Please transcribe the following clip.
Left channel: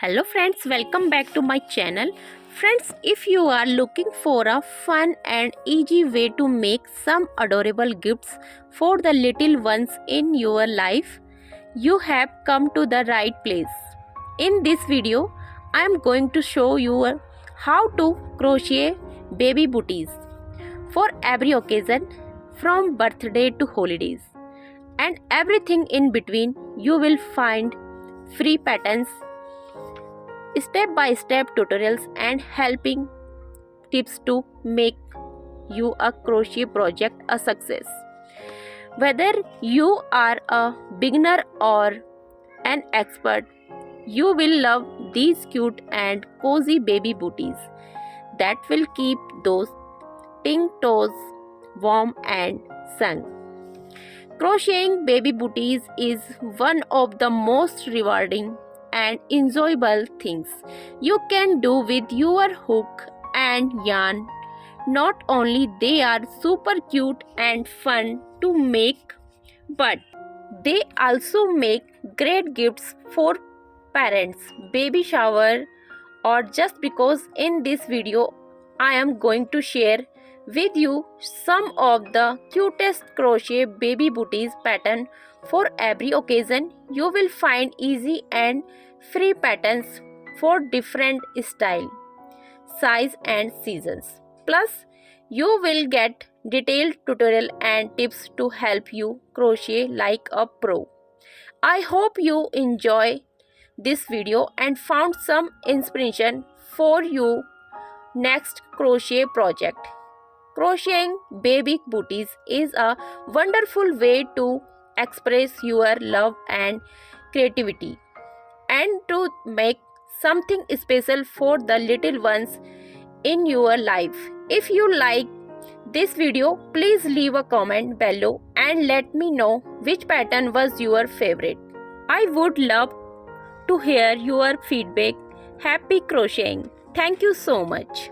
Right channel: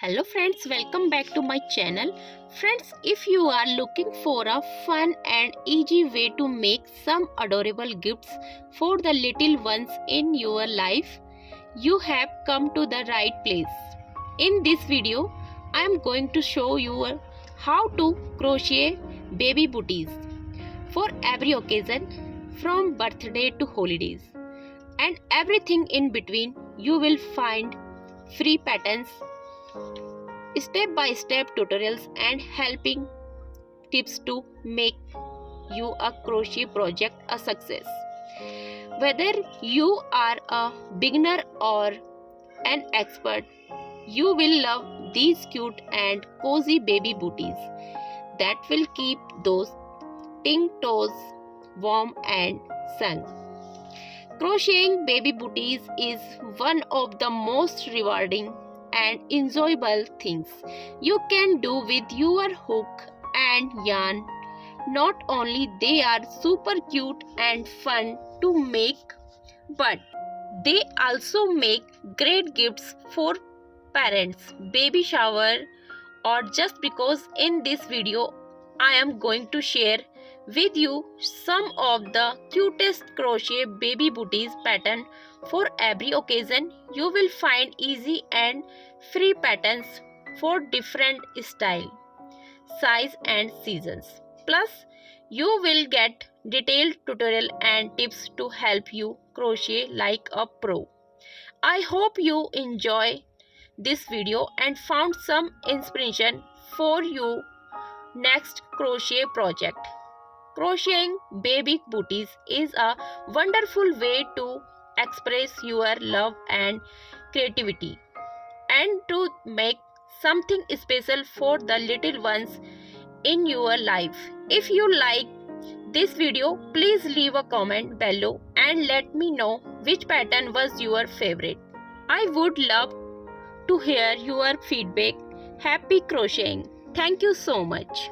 Hello friends, welcome back to my channel. Friends, if you are looking for a fun and easy way to make some adorable gifts for the little ones in your life, you have come to the right place. In this video, I am going to show you how to crochet baby booties for every occasion from birthday to holidays and everything in between. You will find free patterns, step-by-step tutorials and helping tips to make you a crochet project a success. Whether you are a beginner or an expert, you will love these cute and cozy baby booties that will keep those pink toes warm and snug. Crocheting baby booties is one of the most rewarding and enjoyable things you can do with your hook and yarn. Not only they are super cute and fun to make, but they also make great gifts for parents, baby shower, or just because in this video I am going to share with you some of the cutest crochet baby booties pattern for every occasion. You will find easy and free patterns for different style, size and seasons. Plus, you will get detailed tutorial and tips to help you crochet like a pro. I hope you enjoy this video and found some inspiration for your next crochet project. Crocheting baby booties is a wonderful way to express your love and creativity and to make something special for the little ones in your life. If you like this video, please leave a comment below and let me know which pattern was your favorite. I would love to hear your feedback. Happy crocheting. Thank you so much.